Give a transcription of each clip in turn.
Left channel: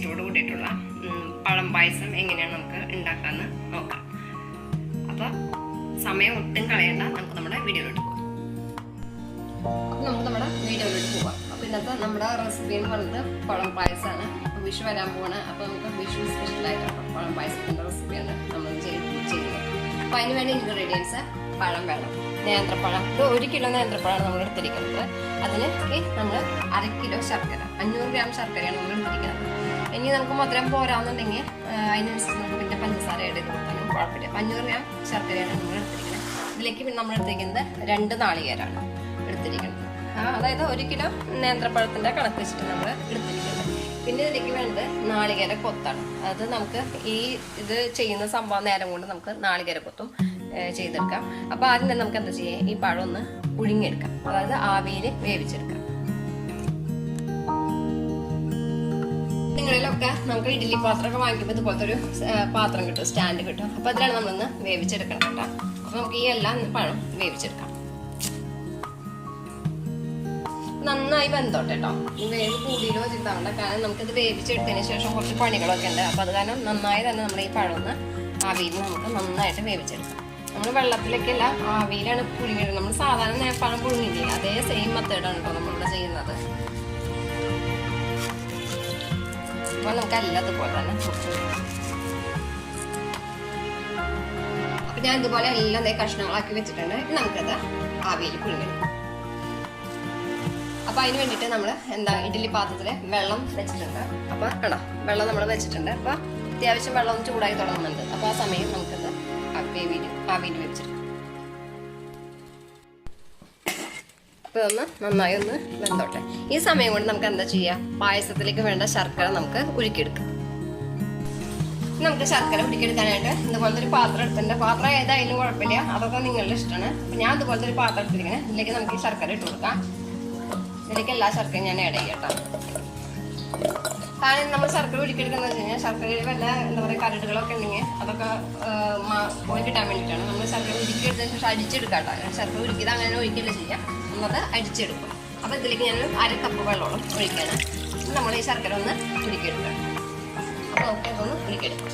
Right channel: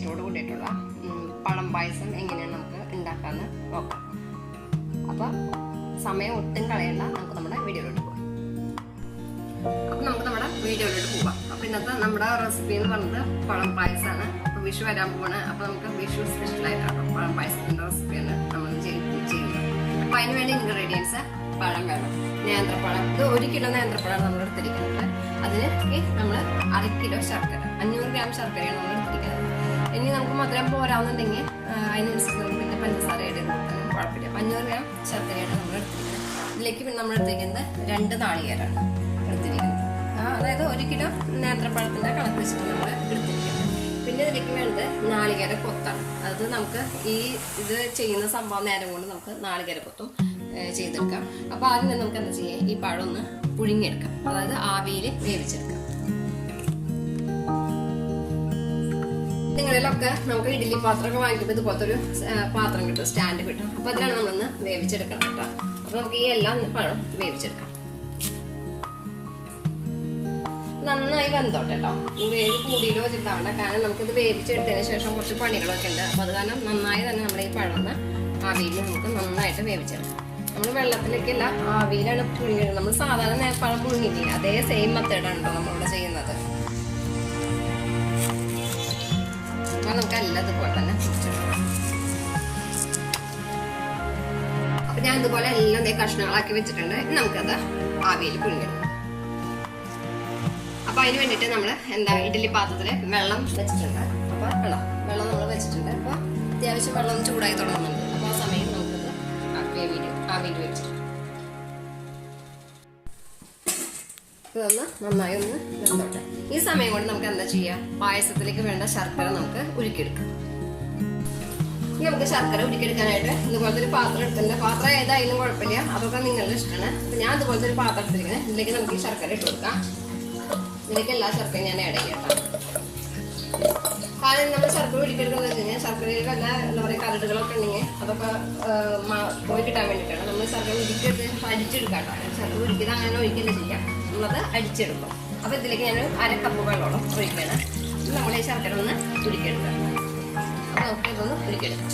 ടേസ്റ്റോട് കൂടിയിട്ടുള്ള പഴം പായസം എങ്ങനെയാണ് നമുക്ക് ഉണ്ടാക്കാമെന്ന് നോക്കാം. അപ്പോൾ സമയം ഒട്ടും കളയണ്ട, നമുക്ക് നമ്മുടെ വീഡിയോയിലോട്ട് പോകാം. അപ്പോൾ നമുക്ക് നമ്മുടെ വീഡിയോയിലോട്ട് പോകാം. അപ്പോൾ ഇന്നത്തെ നമ്മുടെ റെസിപ്പി എന്ന് പറയുന്നത് പഴം പായസമാണ്. അപ്പോൾ വിഷു വരാൻ പോവാണ്. അപ്പോൾ നമുക്ക് വിഷു സ്പെഷ്യലായിട്ടാണ് പഴം പായസത്തിൻ്റെ റെസിപ്പിയാണ് നമ്മൾ ചെയ്യുന്നത്. അപ്പോൾ അതിന് വേണ്ടി ഇൻഗ്രീഡിയൻസ് പഴം വേണം, നേന്ത്രപ്പഴം. ഇത് 1 കിലോ നേന്ത്രപ്പഴമാണ് നമ്മൾ എടുത്തിരിക്കുന്നത്. അതിന് നമ്മൾ 1/2 കിലോ ശർക്കര, 500 ഗ്രാം ശർക്കരയാണ് നമ്മൾ എടുത്തിരിക്കുന്നത്. ഇനി നമുക്ക് മധുരം പോരാന്നുണ്ടെങ്കിൽ അതിനനുസരിച്ച് നമുക്ക് പിന്നെ പഞ്ചസാര എടുക്കുന്നത് കുഴപ്പമില്ല. 500 ഗ്രാം ശർക്കരയാണ് നമ്മൾ എടുത്തിരിക്കുന്നത്. ഇതിലേക്ക് പിന്നെ നമ്മൾ എടുത്തിരിക്കുന്നത് 2 നാളികേരമാണ് എടുത്തിരിക്കുന്നത്. അതായത് 1 കിലോ നേന്ത്രപ്പഴത്തിൻ്റെ കണക്ക് വെച്ചിട്ട് നമ്മൾ എടുത്തിരിക്കുന്നത്. പിന്നെ ഇതിലേക്ക് വേണ്ടത് നാളികേര കൊത്താണ്. അത് നമുക്ക് ഇത് ചെയ്യുന്ന സംഭവം നേരം കൊണ്ട് നമുക്ക് നാളികേര കൊത്തും ചെയ്തെടുക്കാം. അപ്പോൾ ആദ്യം തന്നെ നമുക്ക് എന്താ ചെയ്യാം, ഈ പഴം ഒന്ന് പുഴുങ്ങിയെടുക്കാം, അതായത് ആവിയിൽ വേവിച്ചെടുക്കാം. നിങ്ങളിലൊക്കെ നമുക്ക് ഇഡ്ഡലി പാത്രമൊക്കെ വാങ്ങിക്കുമ്പോൾ ഇതുപോലത്തെ ഒരു പാത്രം കിട്ടും, സ്റ്റാൻഡ് കിട്ടും. അപ്പോൾ അതിലാണ് നമ്മളൊന്ന് വേവിച്ചെടുക്കണം കേട്ടോ. അപ്പോൾ നമുക്ക് ഈ എല്ലാം പഴം വേവിച്ചെടുക്കാം. നന്നായി വെന്തോട്ടെ കേട്ടോ. ഈ വേവ് കൂടിയിലോ വെച്ചിട്ടാവണ്ട, കാരണം നമുക്കിത് വേവിച്ചെടുത്തതിന് ശേഷം കുറച്ച് പണികളൊക്കെ ഉണ്ട്. അപ്പോൾ അത് കാരണം നന്നായി തന്നെ നമ്മുടെ ഈ പഴം ഒന്ന് ആവിയിൽ നമുക്ക് നന്നായിട്ട് വേവിച്ചെടുക്കാം. നമ്മൾ വെള്ളത്തിലൊക്കെ അല്ല, ആവിയിലാണ് പുഴുങ്ങിയത്. നമ്മൾ സാധാരണ പഴം പുഴുങ്ങില്ലേ, അതേ സെയിം മെത്തേഡാണ് കേട്ടോ നമ്മൾ ചെയ്യുന്നത്. അപ്പോൾ നമുക്ക് എല്ലാം ഇതുപോലെ തന്നെ ഞാൻ ഇതുപോലെ എല്ലാം കഷ്ണങ്ങളാക്കി വെച്ചിട്ടുണ്ട്. നമുക്കത് ആവിയിൽ പുഴുങ്ങണം. അപ്പോൾ അതിന് വേണ്ടിയിട്ട് നമ്മൾ ഇഡ്ഡലി പാത്രത്തിൽ വെള്ളം വെച്ചിട്ടുണ്ട്. അപ്പോൾ ആണോ വെള്ളം നമ്മൾ വെച്ചിട്ടുണ്ട്. അപ്പോൾ അത്യാവശ്യം വെള്ളം ഒന്ന് ചൂടായി തുടങ്ങുന്നുണ്ട്. അപ്പോൾ ആ സമയം നമുക്കത് ആവിയിൽ വെച്ചിട്ടുണ്ട്. അപ്പോൾ ഒന്ന് നന്നായി ഒന്ന് വെന്തോട്ടെ. ഈ സമയം കൊണ്ട് നമുക്ക് എന്താ ചെയ്യുക, പായസത്തിലേക്ക് വേണ്ട ശർക്കര നമുക്ക് ഉരുക്കിയെടുക്കാം. നമുക്ക് ശർക്കര ഉരുക്കിയെടുക്കാനായിട്ട് ഇതുപോലത്തെ ഒരു പാത്രം എടുത്തിട്ടുണ്ട്. പാത്രം ഏതായാലും കുഴപ്പമില്ല, അതൊക്കെ നിങ്ങളുടെ ഇഷ്ടമാണ്. ഞാൻ ഇതുപോലത്തെ ഒരു പാത്രം എടുത്തിരിക്കുന്നത്. ഇതിലേക്ക് നമുക്ക് ശർക്കര ഇട്ട് കൊടുക്കാം. ഇതിലേക്ക് എല്ലാ ശർക്കരയും ഞാൻ ആഡ് ചെയ്യട്ടോ. കാരണം നമ്മൾ ശർക്കര ഉരുക്കിയെടുക്കുന്നത് വെച്ച് കഴിഞ്ഞാൽ ശർക്കരയിൽ വല്ല എന്താ പറയുക കരടുകളൊക്കെ ഉണ്ടെങ്കിൽ അതൊക്കെ പോയി കിട്ടാൻ വേണ്ടിയിട്ടാണ് നമ്മൾ ശർക്കര ഉരുക്കിയെടുത്തതിന് ശേഷം അടിച്ചെടുക്കാം കേട്ടോ. ശർക്കര ഉരുക്കിയത് അങ്ങനെ ഒഴിക്കുകയല്ല ചെയ്യാം, നമ്മളത് അടിച്ചെടുക്കും. അപ്പോൾ ഇതിലേക്ക് ഞാൻ 1/2 കപ്പ് വെള്ളമോളം ഒഴിക്കുകയാണ്. നമ്മൾ ഈ ശർക്കര ഒന്ന് ഉരുക്കിയെടുക്കാം. ഓക്കെ, അതൊന്ന് ഉരുക്കിയെടുക്കാം.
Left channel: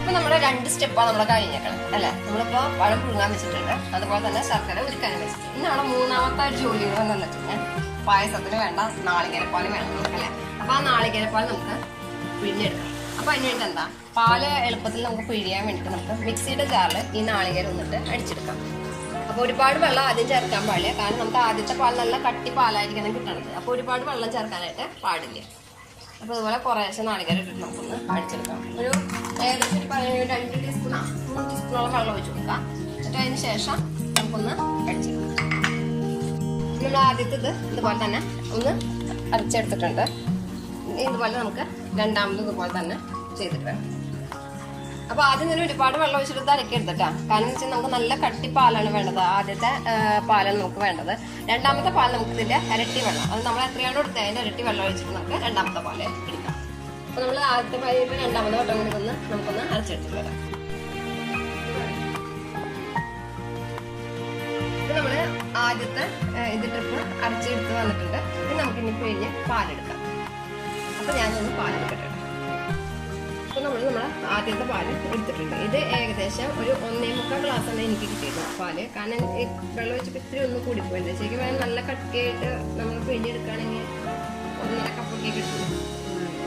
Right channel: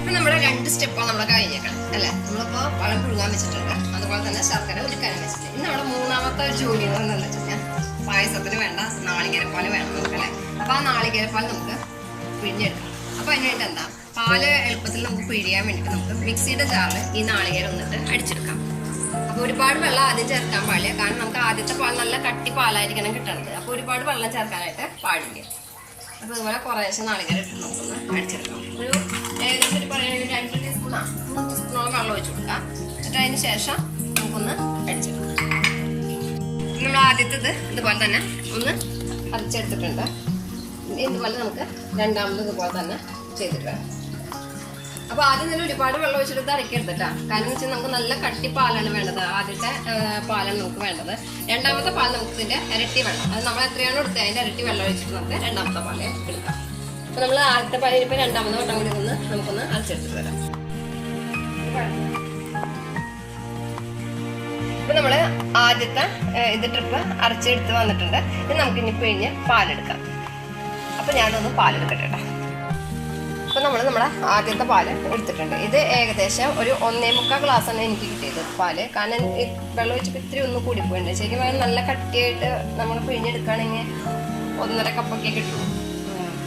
അപ്പോൾ നമ്മുടെ 2 സ്റ്റെപ്പാണ് നമ്മൾ കഴിഞ്ഞേക്കണം അല്ലേ. നമ്മളിപ്പോൾ പഴം പുഴുങ്ങാൻ വെച്ചിട്ടുണ്ട്, അതുപോലെ തന്നെ ശർക്കര ഉരുക്കാനും വെച്ചിട്ടുണ്ട്. ഇനി നമ്മുടെ മൂന്നാമത്തെ ഒരു ജോലി എന്താണെന്ന് വെച്ച് കഴിഞ്ഞാൽ പായസത്തിന് വേണ്ട നാളികേരപ്പാൽ വേണം അല്ലേ. അപ്പോൾ ആ നാളികേരപ്പാൽ നമുക്ക് പിഴിഞ്ഞെടുക്കാം. അപ്പോൾ അതിനായിട്ട് എന്താ, പാല് എളുപ്പത്തിൽ നമുക്ക് പിഴിയാൻ വേണ്ടിയിട്ട് നമുക്ക് മിക്സിയുടെ ജാറിൽ ഈ നാളികേരം വന്നിട്ട് അടിച്ചെടുക്കാം. അപ്പോൾ ഒരുപാട് വെള്ളം ആദ്യം ചേർക്കാൻ പാടില്ല, കാരണം നമുക്ക് ആദ്യത്തെ പാൽ നല്ല കട്ടി പാലായിരിക്കണം കിട്ടണത്. അപ്പോൾ ഒരുപാട് വെള്ളം ചേർക്കാനായിട്ട് പാടില്ല. അപ്പോൾ അതുപോലെ കുറേശ്ശെ നാളികേരം ഇട്ടിട്ട് നമുക്കൊന്ന് അടിച്ചെടുക്കാം. ഒരു ഏകദേശം ഒരു പറയുന്നത് 2 ടീസ്പൂണോ 3 ടീസ്പൂണോളം വെള്ളം ഒഴിച്ചു കൊടുക്കാം. എന്നിട്ട് അതിന് ശേഷം നമുക്കൊന്ന് അടിച്ചെടുക്കാം. നമ്മൾ ആദ്യത്തേത് ഇതുപോലെ തന്നെ ഒന്ന് അരച്ചെടുത്തിട്ടുണ്ട്. ഇതുപോലെ നമുക്ക് രണ്ടാമത് ഇതുപോലെ തന്നെ ചെയ്തിട്ട് വരാം. അപ്പോൾ ആദ്യം തന്നെ ഒരുപാട് വെള്ളം ഒഴിച്ചിട്ട് അരക്കെടുത്തിട്ടാ. കാരണം എന്ന് വെച്ചാൽ നമുക്ക് നല്ല കട്ടി പാലാണ് വേണ്ടത്. ആദ്യത്തെ പാലാണ് നമുക്ക് വേണ്ടത്. രണ്ടാമത്തെ പാൽ നമുക്ക് ഇതിൻ്റെ ഇരട്ടി വെള്ളം, അത് നമ്മൾ എത്രയാണോ എടുത്തത് അതിൻ്റെ ഇരട്ടി വെള്ളം ഒഴിച്ചിട്ട് നമുക്ക് രണ്ടാമത്തെ പാൽ എടുക്കാം. അപ്പോൾ നമ്മൾ ആദ്യത്തെ പാലിനിപ്പോൾ രണ്ടാമത്തെ വട്ടം കൂടി നമുക്കൊന്ന് അരച്ചെടുത്തിട്ട് വരാം. അപ്പോൾ നമ്മൾ ആദ്യത്തെ ഇതിട്ടിട്ട് അരച്ചെടുത്ത് വന്നിട്ടുണ്ട്. ഇനി നമുക്കിനി പിഴിഞ്ഞ് പാലെടുക്കാം. അപ്പോൾ ഞാനൊന്ന് പാലെടുക്കട്ടെ കേട്ടോ. അപ്പോൾ നമ്മുടെ ആദ്യത്തെ പാല് എടുത്തിട്ടുണ്ട്. ഇത് ഏകദേശം ഒരു 1.25 ഗ്ലാസ്സാണ് എനിക്ക് കിട്ടിയിരുന്നത് പാല്. കാരണം ഈ വെള്ളം ഒഴിച്ചിട്ട് ഇത്തിരി ഒന്ന് കൂടിപ്പോയിട്ടുണ്ട്. ശരിക്കും പറഞ്ഞാൽ നല്ല കട്ടിയായിട്ട് നമ്മൾ പിഴിഞ്ഞെടുക്കുകയാണെങ്കിൽ 1.5 കപ്പൊക്കെ കിട്ടും.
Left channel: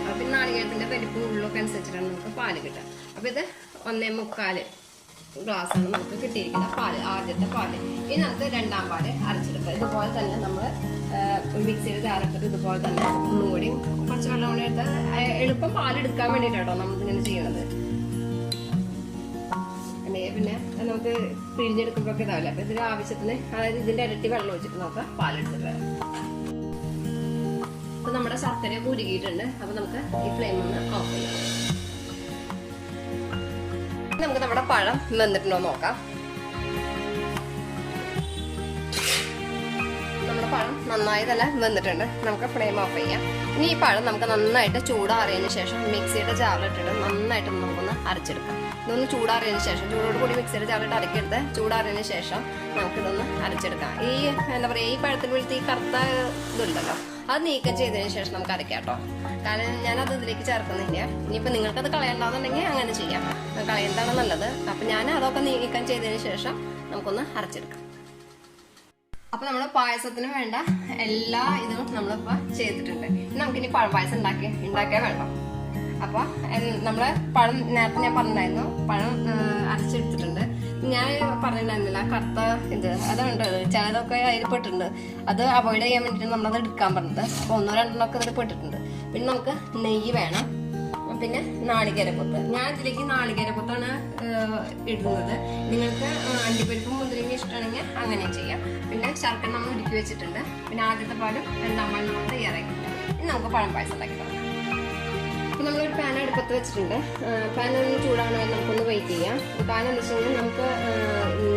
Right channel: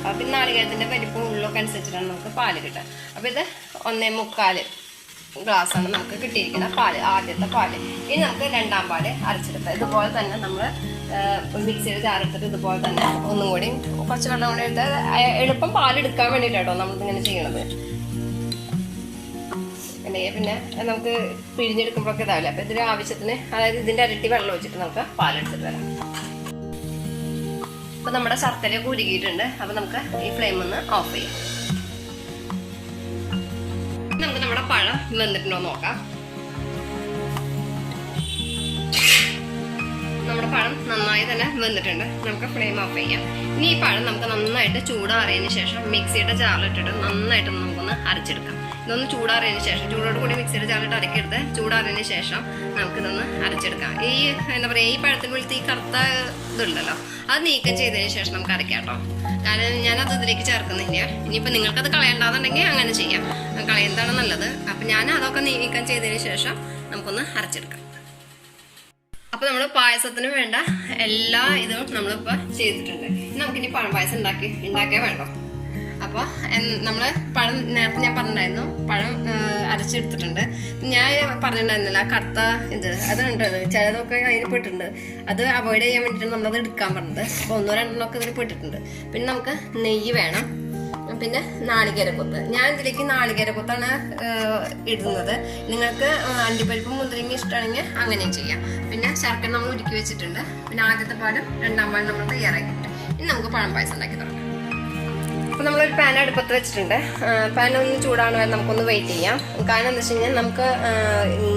അപ്പം നാളികേരത്തിൻ്റെ വലിപ്പം ഉള്ളൊക്കെ അനുസരിച്ചിട്ടാണ് നമുക്ക് പാല് കിട്ടുക. അപ്പോൾ ഇത് 1.25 ഗ്ലാസ്സാണ് നമുക്ക് കിട്ടിയിരിക്കുന്ന പാല്, ആദ്യത്തെ പാല്. ഇനി നമുക്ക് രണ്ടാം പാല് അരച്ചെടുക്കാം. ഇതുപോലെ തന്നെ നമ്മൾ മിക്സിയുടെ ജാറെടുത്തിട്ട് ഇതുപോലെ തന്നെ ഒന്നും കൂടി കുറച്ച് വെള്ളം കൂടി എടുത്ത് എളുപ്പം പാലെടുക്കാൻ വേണ്ടിയിട്ടാട്ടോ നമ്മളിങ്ങനെ ചെയ്യണത്. പിന്നെ നമുക്ക് പിഴിഞ്ഞെടുക്കുമ്പോഴൊക്കെ ഇതാവില്ല. അപ്പോൾ ഇതിൻ്റെ ആവശ്യത്തിന്, അതായത് ഇതിൻ്റെ ഇരട്ടി വെള്ളം ഒഴിച്ചിട്ട് നമുക്ക് പാലെടുത്തിട്ട് വരാം. അപ്പോൾ നമ്മുടെ ശർക്കര ഉരുകിയിട്ടുണ്ട്. അപ്പോൾ നമുക്ക് ഈ ഫ്ലെയിം ഒന്ന് ഓഫ് ചെയ്യാം. നമുക്ക് നമ്മുടെ പഴം വെന്തിട്ടുണ്ടോ നോക്കാം. നമ്മുടെ പഴം നന്നായി തന്നെ വെന്തിട്ടുണ്ട്. നമുക്ക് ഫ്ലെയിം ഓഫ് ചെയ്യാം. ഇനി ഈ പഴം നമുക്ക് നന്നായിട്ട് ചൂടാറിയതിന് ശേഷം മിക്സിയുടെ ജാറിലിട്ടിട്ട് നന്നായിട്ട് നമുക്കൊന്ന് അരച്ചെടുക്കാം. ഇതൊന്ന് ചൂടാറിയതിന് ശേഷം, ചൂടോട് കൂടി മിക്സിയുടെ ജാറിലിട്ട് അരക്കെടുത്ത് ചൂടാറിയതിന് ശേഷം നമുക്കിതൊന്ന് അരച്ചെടുക്കാം. ഈ എന്താ പറയുക, ഈ പഴത്തിൽ വിളിച്ച് ഈ കറുത്ത ഇതുണ്ടല്ലോ, അത് നീക്കം ചെയ്തതിന് ശേഷം നമുക്ക് അരയ്ക്കാം കേട്ടോ. കാരണം ഞാനത് ഇതിലേക്ക് ചേർക്കുന്നില്ല. ഇനിയിപ്പോൾ നിങ്ങൾക്കത് കളയണ്ടെന്നുണ്ടെങ്കിൽ അങ്ങനെ ചെയ്യാം, കളയുന്നതാണ് നല്ലത്. അപ്പം ഞാൻ അതൊക്കെ നീക്കം ചെയ്തതിന് ശേഷം നമുക്കൊന്ന് അരച്ചെടുക്കാം. അപ്പോൾ നമ്മൾ പായസത്തിന് വേണ്ട എല്ലാ ഇതും നമ്മളിപ്പോൾ ചെയ്തിട്ടുണ്ട്. നമുക്കിനി പഴം പായസം ഉണ്ടാക്കിയാൽ വേണ്ട. അപ്പോൾ നമ്മൾ പഴം നേരത്തെ ഞാൻ പറഞ്ഞിട്ടുണ്ടായിരുന്നു, പഴം അരച്ചെടുത്തിട്ടുണ്ട്. ഞാൻ പറഞ്ഞിട്ടുണ്ടായിരുന്നില്ല കറുത്ത അതുണ്ട്, ചിലതൊക്കെ അതിൽ പെട്ടിട്ടുണ്ട്. അത് അവോയ്ഡ് ചെയ്യാൻ വേണ്ടിയിട്ട് നമ്മളത് എടുക്കാൻ പറഞ്ഞത്. അപ്പോൾ 1-2 ഒക്കെ അതിൽ പെട്ടിട്ടുണ്ട്. പിന്നെ നമുക്ക് നെയ്യ് വേണം, പിന്നെ നാളികേരക്കൊത്ത്. ഞാൻ ഇതിലേക്ക് നാളികേരക്കൊത്താണ് ഇടുന്നത്. നിങ്ങൾക്ക് അണ്ടിപ്പരിപ്പും മുന്തിരിങ്ങ ഇഷ്ടമാണെങ്കിൽ അങ്ങനെ ചെയ്യാം. പിന്നെ ശർക്കര നമ്മൾ ഉരുക്കി വെച്ചിട്ടുണ്ട്. പിന്നെ ആദ്യത്തെ പാലും 2-ാം പാലും നമ്മൾ തയ്യാറാക്കിയിട്ടുണ്ട്. ഇനി നമുക്ക് പഴം പായസം ഉണ്ടാക്കി തുടങ്ങാം. അപ്പോൾ നമ്മളൊരു പാൻ അടുപ്പത്ത് വെച്ചിട്ടുണ്ട്. പാൻ ഒന്ന് ചൂടാണ് വരെ നമുക്കൊന്ന് വെയിറ്റ് ചെയ്യാം. കാരണം എന്താ വെച്ച് കഴിഞ്ഞാൽ നമുക്ക്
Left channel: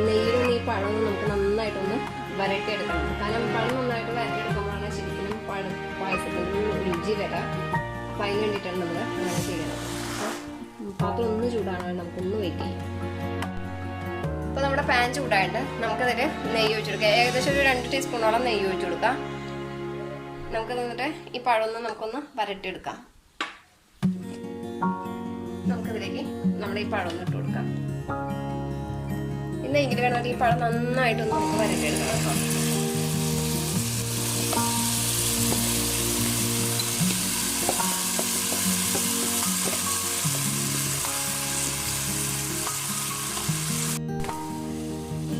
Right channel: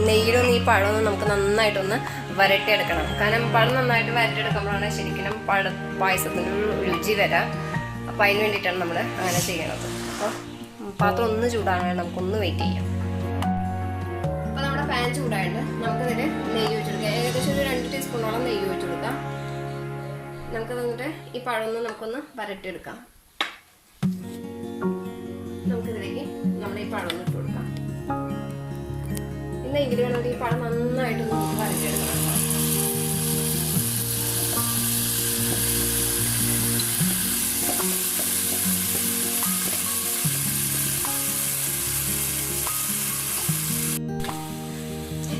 നെയ്യിലൊന്നും ഈ പഴമൊന്നും നമുക്ക് നന്നായിട്ടൊന്ന് വരട്ടിയെടുക്കണം. കാരണം പഴം നന്നായിട്ട് വരട്ടിയെടുക്കുമ്പോഴാണ് ശരിക്കും പായസത്തിന് രുചി വരാം. അപ്പോൾ അതിന് വേണ്ടിയിട്ടാണ് നമ്മൾ അങ്ങനെ ചെയ്യണം. അപ്പോൾ പാത്രം ഒന്ന് ചൂടാണ്, നമുക്കൊന്ന് വെയിറ്റ് ചെയ്യാം. അപ്പോൾ നമ്മുടെ പാൻ ചൂടായിട്ട് നമുക്കതിൽ നെയ്യ് ഒഴിച്ചു കൊടുക്കാം. ഏകദേശം ഒരു 2 ടീസ്പൂണോളം നെയ്യ് ഒഴിച്ചു കൊടുക്കാം. നമുക്ക് തന്നിട്ട് ഈ പഴം നമുക്കൊന്ന് വരട്ടിയെടുക്കാം. നമുക്കിതിലേക്ക് നമ്മുടെ ഈ പഴം ഇട്ട് കൊടുക്കാം. പിന്നെ ഇങ്ങനെ വേണമെങ്കിൽ ഈ പഴം നന്നായിട്ടൊന്ന് വരട്ടിയെടുക്കണം.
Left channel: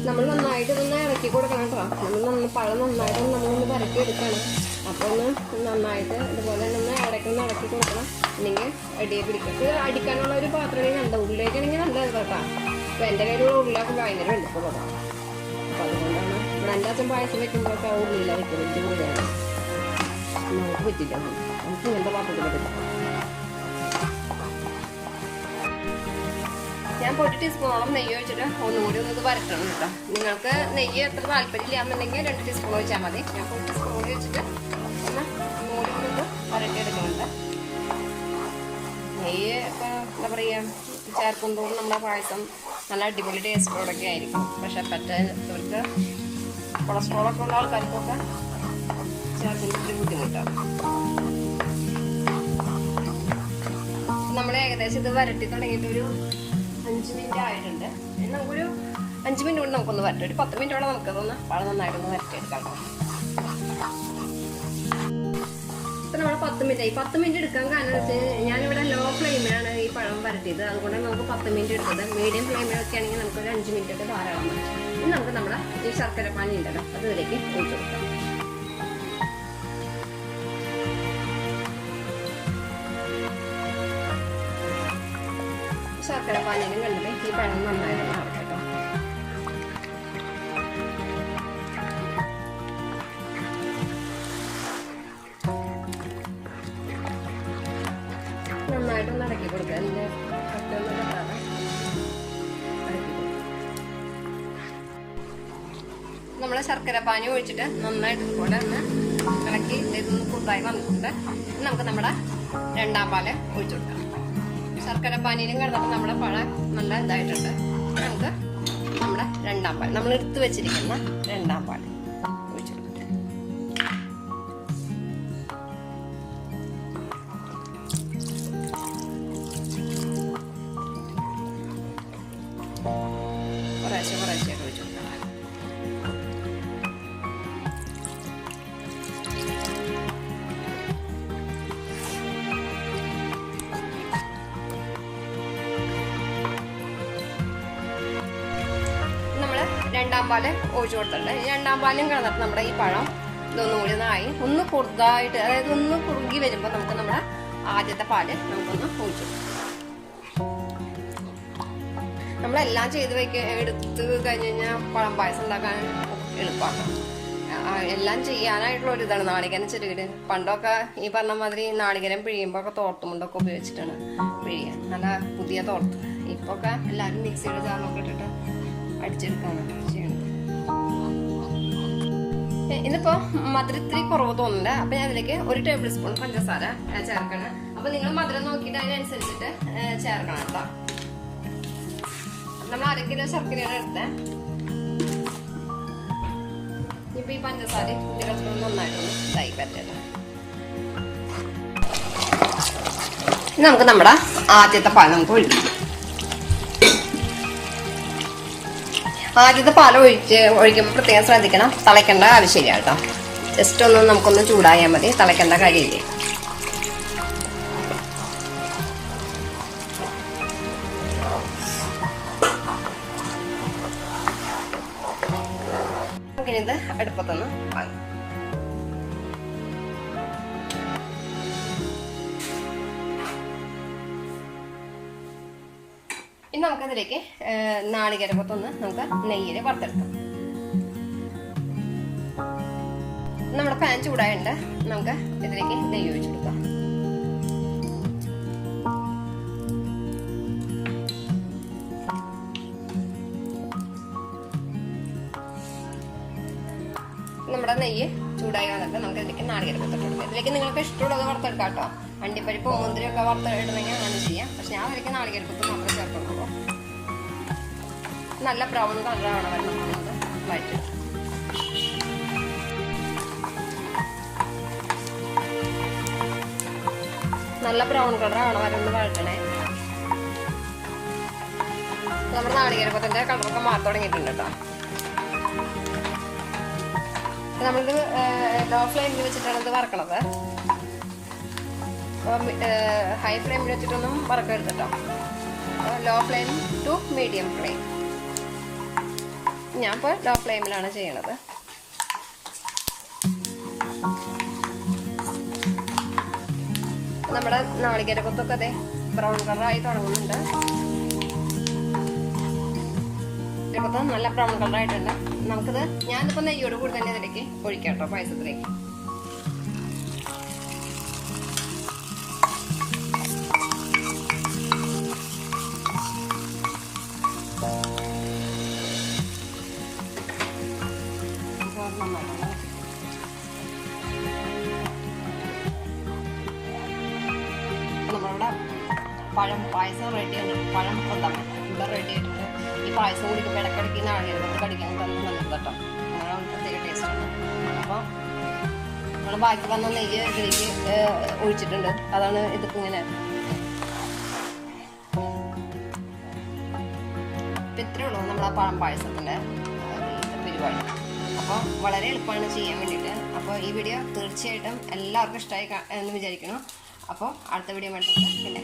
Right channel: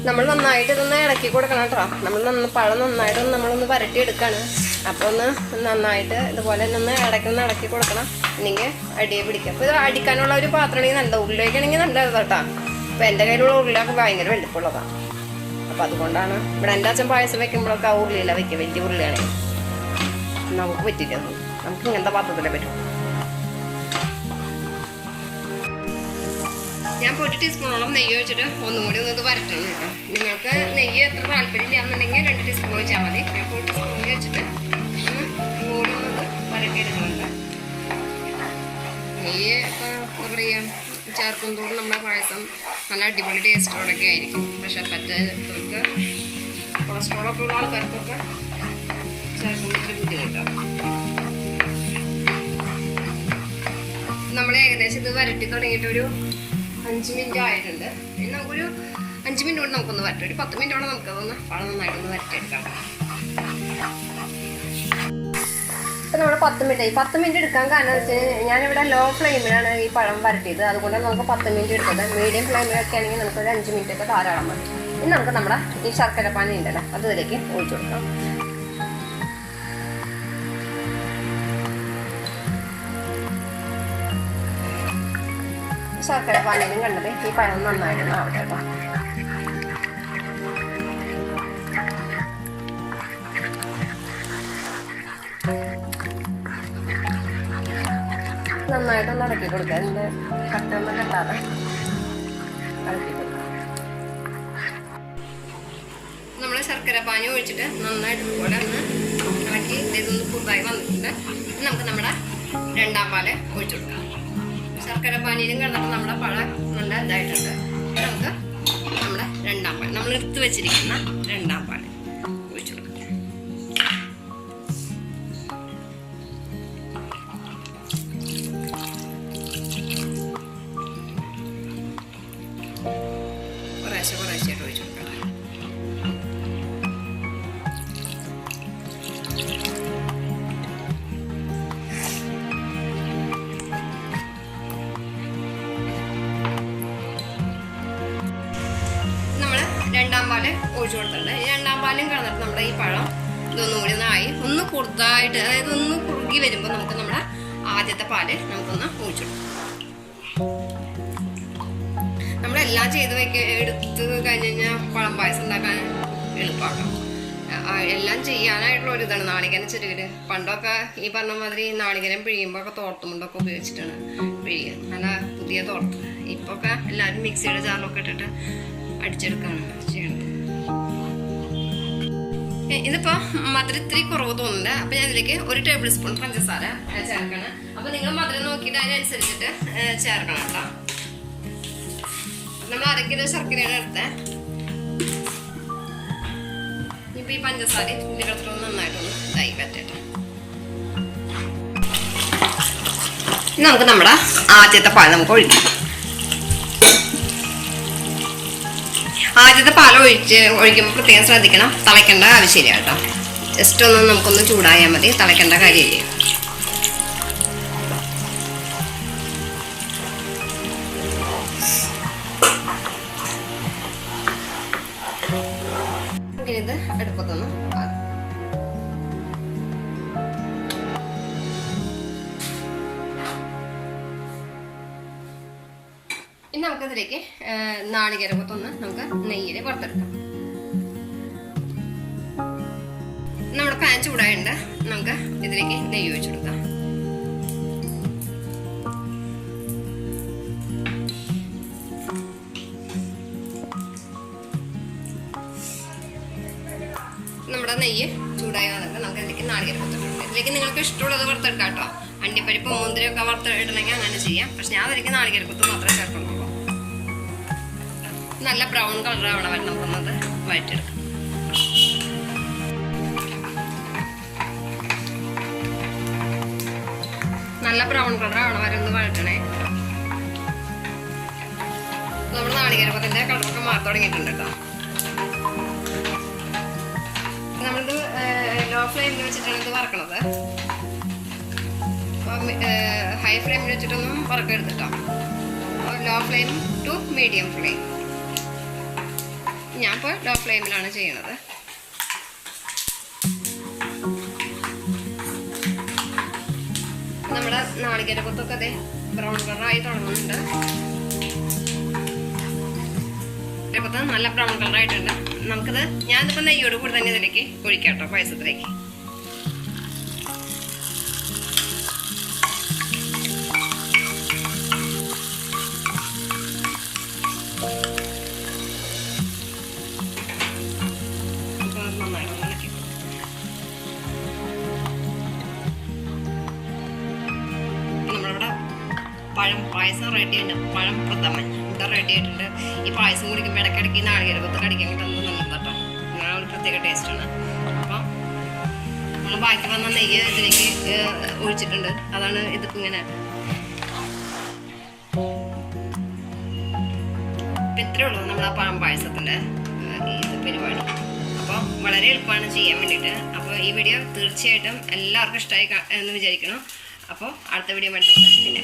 നമ്മൾ നന്നായിട്ട് ഇതൊന്ന് ഇളക്കി കൊടുക്കണം കേട്ടോ. നമ്മൾ പഴം നന്നായിട്ടൊന്ന് നമ്മളൊന്ന് വരട്ടിയെടുക്കുകയാണ്. അപ്പോൾ ഒന്ന് നന്നായിട്ട് ഇതുപോലെ ഒന്ന് ഇളക്കി കൊടുക്കണം, അല്ലെങ്കിൽ അടിയെ പിടിക്കും. അപ്പോൾ ഇത് അടിക്കാനുള്ള ഒരു പാത്രമാണെങ്കിൽ നല്ലത്, ഉള്ളിലേക്കാണെങ്കിൽ നല്ലത് കേട്ടോ. അപ്പോൾ എൻ്റെ കയ്യിലുള്ള ഉള്ളിലൊക്കെ ഭയങ്കര വെളുപ്പുള്ളതാണ്. അപ്പോൾ അതുകൊണ്ടാണ് ഇവിടെ എൻ്റെ അച്ഛൻ പായസം വെക്കുമ്പോഴൊക്കെ ആ ഉള്ളിലാണ് വയ്ക്കുക, വലിയ ഉള്ളിയാണ്. നമുക്ക് പറ്റില്ല, നമുക്ക് ഇങ്ങനത്തെ പാത്രത്തിലേ പറ്റും. ഞാൻ 1 ടീസ്പൂണോളം നെയ്യ് ഒഴിച്ചിട്ട് ഒന്നും കൂടി ഒന്ന് ഇത് വരട്ടണം കേട്ടോ. നിങ്ങൾക്ക് നെയ്യ് എത്ര താല്പര്യമില്ല എന്നുണ്ടെങ്കിൽ 2 ടീസ്പൂൺ ഒഴിച്ചാൽ മതി. ഞാൻ 1 ടീസ്പൂൺ വെച്ചിട്ട് കൂടി ഒന്ന് വരട്ടിയെടുക്കുന്നുണ്ട്. നെയ്യ് എന്താ പറയുക, ചേർക്കും തോറും നമ്മുടെ പായസം നല്ല അടിപൊളി ടേസ്റ്റോടൊക്കെ ആയിരിക്കും. പക്ഷെ പറ്റവർക്ക് കൊളസ്ട്രോളൊക്കെ ഉള്ള ആൾക്കാർക്കൊക്കെ ചേർക്കുന്നതിൽ ബുദ്ധിമുട്ടാണ്. നമ്മൾ ഏകദേശം ഇത് വരട്ടി തുടങ്ങിയിട്ടൊരു 5 മിനിറ്റ് ആയിട്ടുണ്ട്. നമുക്കൊരു 5 മിനിറ്റ് കൊണ്ട് നമുക്കൊന്ന് വരട്ടെ. ഒരു 10 മിനിറ്റോളം നമുക്കതൊന്ന് പഴം നന്നായിട്ടൊന്ന് വരട്ടിയെടുക്കാം. ഇപ്പം നമ്മൾ 10 മിനിറ്റ് എടുക്കാൻ കാരണം വെച്ച് കഴിഞ്ഞാൽ ഞാനിവിടെ ലോ ഫ്ലെയിമിലാണ് ഈ പഴം വരട്ടിയത്. അതുകൊണ്ട് നമുക്ക് 10 മിനിറ്റ് എടുക്കുന്നത്. മീഡിയം ഫ്ലെയിമിലൊക്കെ ആണെങ്കിൽ നമുക്കൊരു 5 മിനിറ്റ് ഒക്കെ ധാരാളം മതി. ഇനി നമുക്ക് നമ്മുടെ ഈ ശർക്കര പാനി ഉണ്ടല്ലോ അത് ഇതിലേക്ക് ഒഴിച്ചു കൊടുക്കാം. ശർക്കര പാനിയിലും കണ്ടത് ഈ പഴം നന്നായിട്ട് ആവട്ടെ. നന്നായിട്ടൊന്ന് ഇളക്കി കൊടുക്കുക. അതിൻ്റെ കട്ടൊന്നും കെട്ടാതെ ഇളക്കി കൊടുക്കുക. നമ്മൾ ശർക്കര പാനി ഒഴിച്ചിട്ട് നന്നായിട്ട് ഇതുപോലെ ഒന്ന് ഇളക്കി ഇതൊന്ന് പുതുതായി വന്നിട്ടുണ്ട്. നമുക്ക് നമ്മുടെ 2-ാം പാല് ഒഴിച്ചു കൊടുക്കാം. ശർക്കര പാനിയിലും കിടന്നിട്ട് നമ്മുടെ പഴം നല്ല ഇതായിട്ടുണ്ട്. നമുക്ക് നമ്മുടെ 2-ാം പാൽ നമ്മൾ എടുത്ത് വെച്ചിരിക്കുന്ന 2-ാം പാൽ ഒഴിച്ചു കൊടുക്കാം. കുറേശ്ശായിട്ട് ഒഴിച്ചു കൊടുക്കാം. നമ്മൾ 2-ാം പാല് ഒഴിച്ചു കൊടുത്തിട്ടുണ്ട്. ഈ 2-ാം പാലും കിടന്നിട്ട് നമ്മുടെ ഈ പഴം ഇതൊന്നും കൂടി ഒന്നായി ഒന്ന് കുറുതായിട്ട്, അതായത് ഒന്ന് കുറുകി വരുമ്പോൾ നമുക്ക് നമ്മുടെ ആദ്യത്തെ പാല് നമുക്കൊന്ന് ഒഴിച്ചു കൊടുക്കാം. നമ്മളെല്ലാം ചെയ്ത് എടുത്ത് കഴിഞ്ഞ് കഴിഞ്ഞാൽ പഴം പായസം ഉണ്ടാക്കാൻ എളുപ്പമാണ്. എല്ലാം ചെയ്യാനായിട്ടുള്ള ഒരു ഇതാണ് നാളികേരം ചെറുകിട്. പണ്ടൊക്കെ ഈ പറഞ്ഞ മാതിരി നാളികേരം പിഴിയുമ്പോൾ ഒക്കെ തോർത്തുമുണ്ടൊക്കെ ഉപയോഗിച്ചിട്ടാണ് പിഴിയുക, നല്ല പുതിയ തോർത്ത്. ഇപ്പോൾ ഒക്കെ എല്ലാവരും മിക്സിയുടെ ജാറിലൊക്കെ ഇട്ടിട്ട് അടിച്ചെടുക്കാണ് ചെയ്യണത്. ഇതിപ്പോൾ മധുരം ഇത്തിരി കുറവ് തോന്നുന്നുണ്ട്. അപ്പോൾ ഞാൻ ഇതിലേക്ക് 1 ടേബിൾ സ്പൂൺ പഞ്ചസാര ചേർക്കണം. അപ്പോൾ നിങ്ങൾ മധുരം നോക്കിയിട്ട് അതിനനുസരിച്ചിട്ട് ചേർക്കണം കേട്ടോ. നമ്മൾ 1/2 കിലോ ശർക്കരയാണ് എടുത്തത്. ഇപ്പോൾ ഈ പഞ്ചസാര ഇതിൽ കിടത്തിട്ട് നന്നായിട്ടൊന്ന് ഇതായി പറ്റട്ടെ. ഇനി നമുക്ക് നമ്മുടെ ആദ്യത്തെ പാൽ നമുക്ക് ഒഴിക്കാം. ആദ്യത്തെ പാൽ ഒഴിക്കുമ്പോൾ പ്രത്യേകം ശ്രദ്ധിക്കണം, തിളയ്ക്കേണ്ട ആവശ്യമില്ല കേട്ടോ. ജസ്റ്റ് ഒന്ന് നമുക്കൊന്ന് ചൂടായാൽ മതി, തിളയ്ക്കേണ്ട കാര്യമില്ല. ഇത് അടുപ്പത്തൊന്ന് ഇനി നമുക്കിതിലേക്ക് നാളികേരക്കൊത്തൊന്ന് നമുക്ക് നെയ്യിൽ വറുത്തെടുക്കാം. നമ്മുടെ പാൻ ചൂടായുണ്ട്, നമുക്ക് ഇതിലേക്ക് നെയ്യ് ഒഴിച്ചു കൊടുക്കാം. നമ്മുടെ നെയ്യ് ചൂടായി വന്നിട്ട് നമുക്ക് ഇതിലേക്ക് നാളികേരക്കൊത്തിട്ടുണ്ട്. ഇതിലേക്ക് നിങ്ങൾക്ക് ഇഷ്ടമുള്ളത് വറുത്തെടുക്കാം കേട്ടോ. അണ്ടിപ്പരിപ്പ് മുന്തിരിയൊക്കെ വറുത്തിടണമെങ്കിൽ അങ്ങനെ ചെയ്യാം. പക്ഷെ ഞാൻ അതിലേക്ക് നാളികേരക്കൊത്ത് മാത്രമേ ചേർക്കുന്നുള്ളൂ. നല്ല ബ്രൗൺ കളറാണ് വെള്ളം വന്നത് വഴറ്റിയെടുക്കാം. നല്ല ബ്രൗൺ കളറാണ് വരുന്നത് വഴറ്റണേ. നമ്മുടെ നാളികേരക്കൊത്തിന്റെ കളറൊക്കെ മാറി തുടങ്ങിയിട്ടുണ്ട് കേട്ടോ. നമ്മളിത് ലോ ഫ്ലെയിമിൽ വെച്ചിട്ടാണ് ഇത് വറക്കണത്. അപ്പോൾ ഹൈ ഫ്ലെയിമിൽ വെച്ചിട്ടൊന്നും വറക്കരുത് കേട്ടോ. അപ്പോൾ low flame to medium flame. ഞാൻ ഇപ്പോൾ ലോ ഫ്ലെയിമിലാണ് ചെയ്യണത്. നമ്മുടെ നാളികേരക്കൊത്തൊക്കെ അതെ ബ്രൗൺ കളറായി തുടങ്ങുന്നുണ്ട്. നല്ല ബ്രൗൺ കളറായിട്ടുണ്ട്. നമുക്കിത് ഞാനിപ്പോൾ നെയ്യോട് കൂടി തന്നെ ഇതിലേക്ക് ഒഴിക്കാം കേട്ടോ, പായസത്തിലേക്ക്. നന്നായിട്ട് ഇളക്കി. നമ്മളിവിടെ പായസം റെഡിയാണ്. പഴം പ്രഥമൻ ഇവിടെ റെഡി ആയിട്ടുണ്ട്. ഈ പായസം കുടിക്കുമ്പോൾ ഇടയ്ക്കിടയ്ക്ക് നാളികേരക്കൊത്ത് കടിക്കാൻ കിട്ടുന്നത് നല്ലത് കേട്ടോ. അങ്ങനെ ഒരു പ്രത്യേക ടേസ്റ്റാണ്. അപ്പോൾ നമ്മൾ ബാക്കി വന്ന നെയ്യ് ഇതിലേക്ക് ഒഴിച്ചിട്ടുണ്ട്. അതാണ് ഇതിപ്പോൾ ഇങ്ങനെ. അപ്പം ഇത്രയേ ഉള്ളൂ നമ്മൾ ആ പഴം പായസത്തിൻ്റെ ഇത് പരിപാടി. അപ്പോൾ വളരെ എളുപ്പമാണ് ചെയ്യാൻ വേണ്ടിയിട്ട്. അപ്പോൾ ഈ വീഡിയോ തീർച്ചയായിട്ടും എല്ലാവർക്കും ഇഷ്ടമായി എന്ന് വിചാരിക്കണം. അപ്പോൾ അടുത്ത വീഡിയോ വേണ്ടി പിന്നെ